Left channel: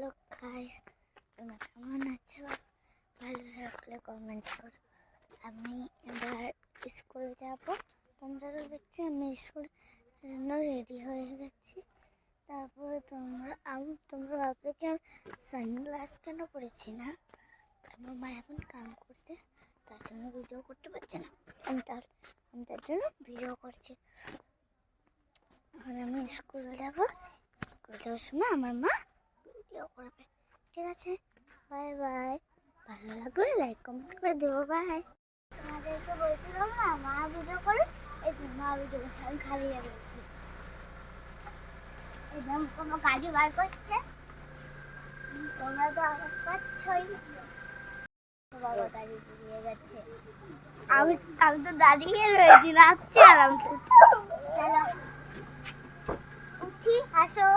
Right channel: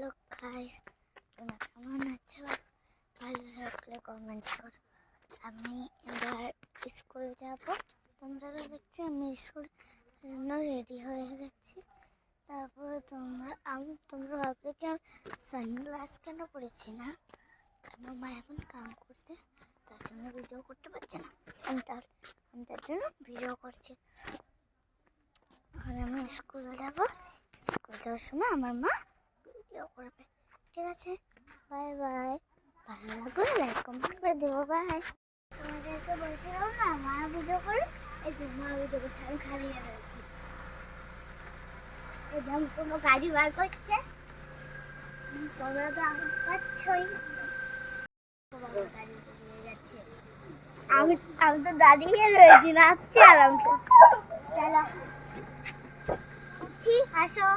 Hello guys, তোমরা কেমন আছো? ভালো থাকলে কমেন্ট করো। আমি এবার স্কুল যাব। তোমরা তো দেখছি আমি স্কুলের জন্য রেডি হয়ে গেছি। তারপরে তোমরা ভাবলে কি আমি সানগ্লাস কেন পরেছি না? আমার মা এখন কাম করতে, তার জন্য ভিডিও করতে পারছে না। আমি তার জন্য ভিডিও করছি। আর আমি স্কুল যাবো। স্কুল যাওয়ার সময় আমার মা ভিডিও করবে। ঠিক আছে, বাই বাই। ভালো লাগলে লাইক কমেন্ট করে দেবো। বাই। তোমাদেরকে বলছিলাম না মা ভিডিও করে, এই যে মা ভিডিও করছে, আমি খালি রয়েছি। এই দাম কোনো গাড়ি বার করছে, তোমরা তো আওয়াজ পাচ্ছই। বাবা গাড়ি বেরিয়ে গেছে। আমি তো দাঁড়িয়ে রয়েছি, নাচছি আরামসে। চলো উঠি, আসো।